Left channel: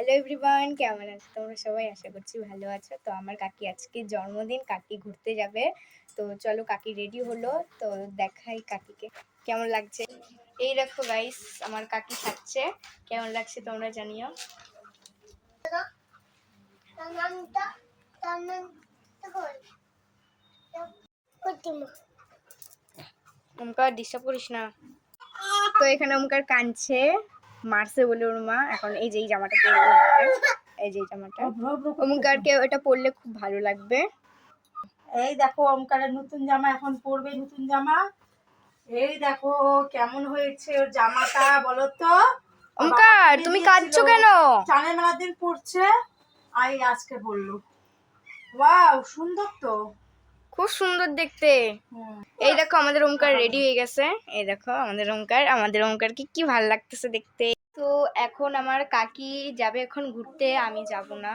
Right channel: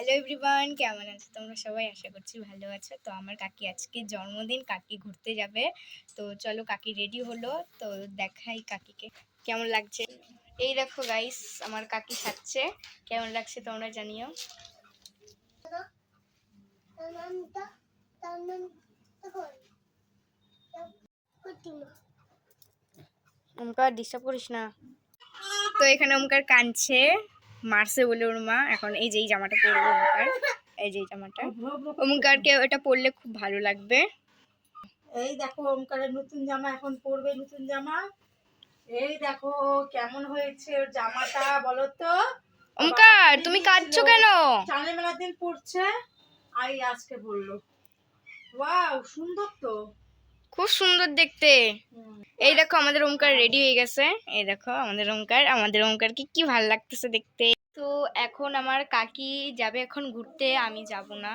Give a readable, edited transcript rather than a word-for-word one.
Hello everyone, কেমন আছো তোমরা সবাই? আশা করছি ভালো আছো। তো আমার কাকি আজকে জন্মদিন, কাকি ঘুরতে যাবে। তো চলো, কাকি রেডি হলো, তো দেখাই কাকিকে কেমন লাগছে। এই দেখো গাইস, আমার কাকি খাচ্ছে। কেমন লাগছে তোমরা জানিও। ওমকার ডিস্টার্ব করিস না। তো এখানে ওমকার কাঁদছে, মারছে বলে ওর মা। এখন এই যে জামাটা পরবে ওমকার, এই যে জামাটা ওমকারকে এটা পরলে খুব ভালো লাগবে। এই দেখো ওমকারের নতুন জামা এখন পরবে, নতুন জামা। এই দেখো কেমন হয়েছে ওর জামাটা, বলো তো। ওমকার তুমি কাঁদছো কেন? চাঁদের মেলার দিন পরছে, আজকে বললো। ওয়াও, সুন্দর তো, খুব সুন্দর দেখতে। এই দেখো আমাদের ওমকার রেডি হয়ে গেছে। এই দেখো আমাদের ওমকার কি ভালো লাগতেছে দেখতে। তো এখন আমার কাকি যাবে এখন ঘুরতে, আমি যাব না।